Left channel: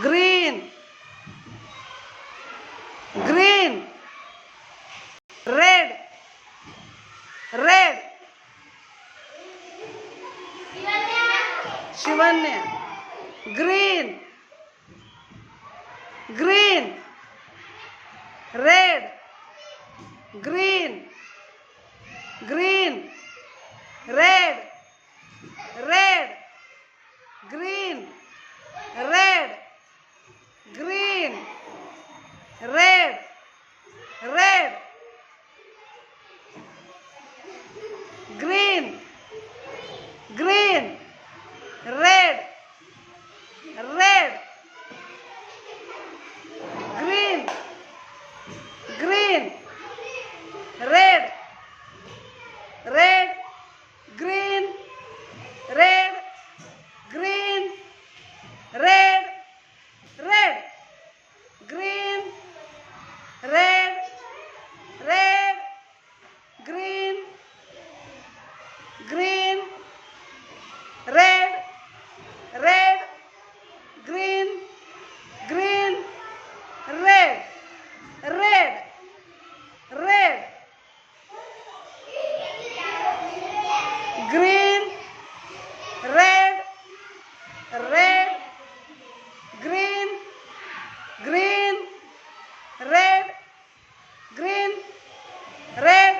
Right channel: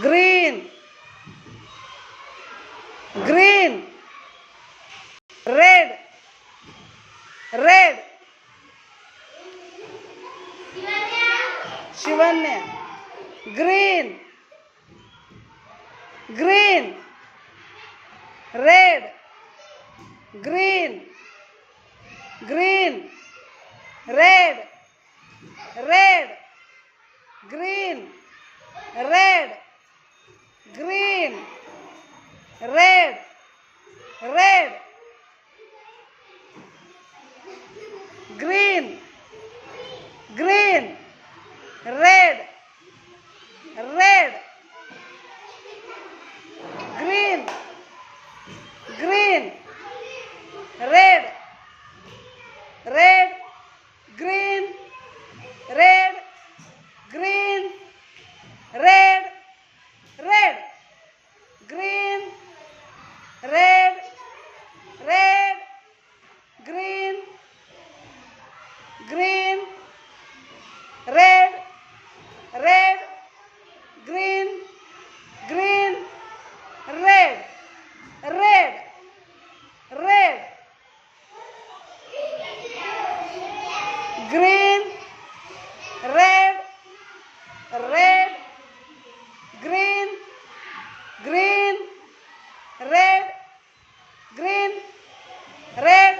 green, green, red, red, Shivanya, green, green, red, green, green, red, red, green, red, green, red, red, green, green, red, red, green, green, red, red, green, red, green, red, red, green, red, red, green, green, red, red, green, green, red, red, red, green, red, red, green, green, red, green, red,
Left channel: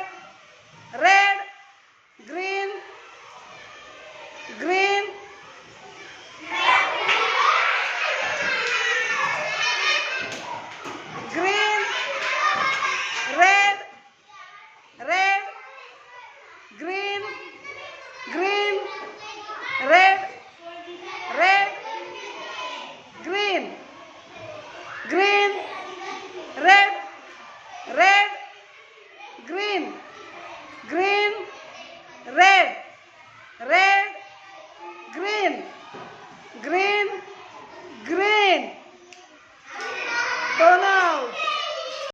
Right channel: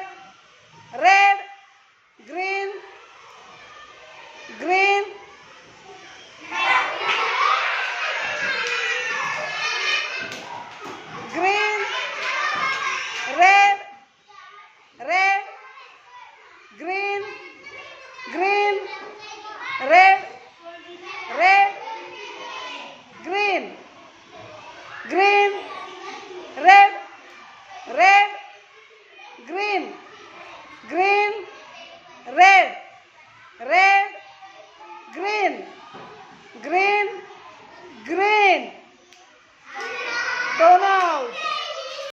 red, green, green, green, red, red, green, green, red, red, green, green, red, red, green, green, red, red, green, green.